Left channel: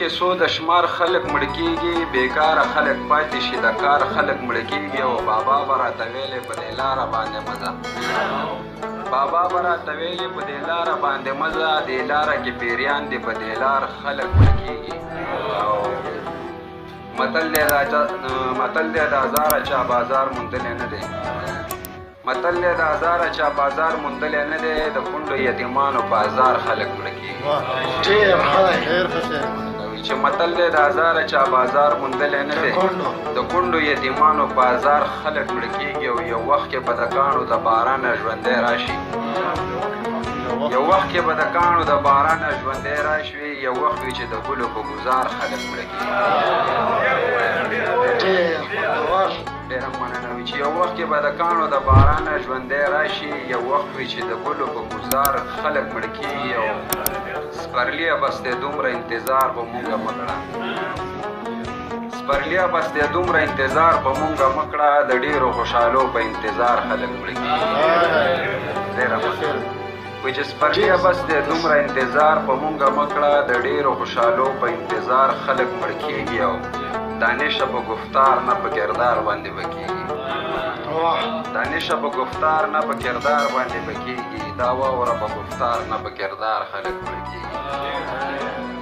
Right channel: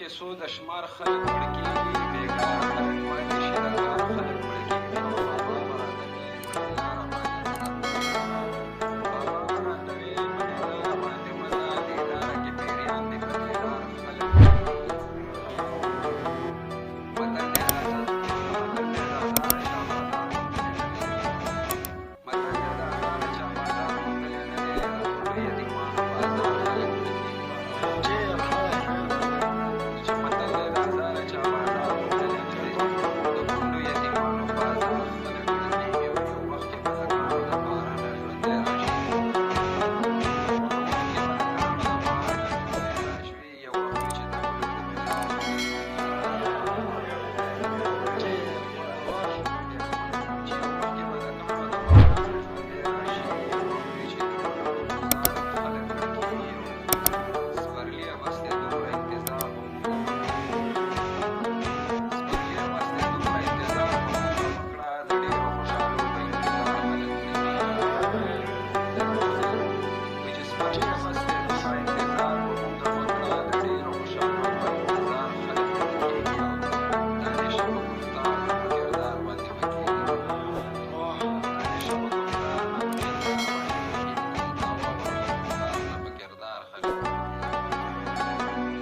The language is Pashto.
کې سو د شمار خلک مړ کېږي، بېکاره خلک پاتې شي، د کار خلک مړ کېږي. او بابا به راته ویلې په دې لاره باندې مزه، بابا به راته ویلې په دې لاره باندې مزه، دې لاره کې پیریان دي، په دې لار خلک مړ کېږي. متل دی د هزاره چا بازار موندلی نه دی، متل دی د هزاره چا بازار موندلی نه دی، د کونډو یتیمانو بازار خلک مړه کېږي. چې متل دی د هزاره چا بازار موندلی نه دی، د کونډو یتیمانو بازار خلک مړه کېږي. او یو وخت کې به د کاڼو د بارانه ژوندی راشي، یو وخت کې به د کاڼو د بارانه ژوندی راشي، یو وخت وي چې د ګلو په ګزار خلک مړه کېږي. ډېره مننه وي چې یو وخت کې به د کاڼو د بارانه ژوندی راشي، یو وخت وي چې د ګلو په ګزار خلک مړه کېږي. او سپرلیه بس دی دومره انتظار به مونږه مه کړه، سپرلیه بس دی دومره انتظار به مونږه مه کړه، د ډېرو خوشحالو په انتظار خلک مړه کېږي. ډېره مننه وایي چې سپرلیه بس دی دومره انتظار به مونږه مه کړه، د ډېرو خوشحالو په انتظار خلک مړه کېږي. او دانشه په گفتار نه په کردار باندې به کېږي، دانشه په گفتار نه په کردار باندې به کېږي، دا واوره په گفتار نه په کردار خلک مړه کېږي.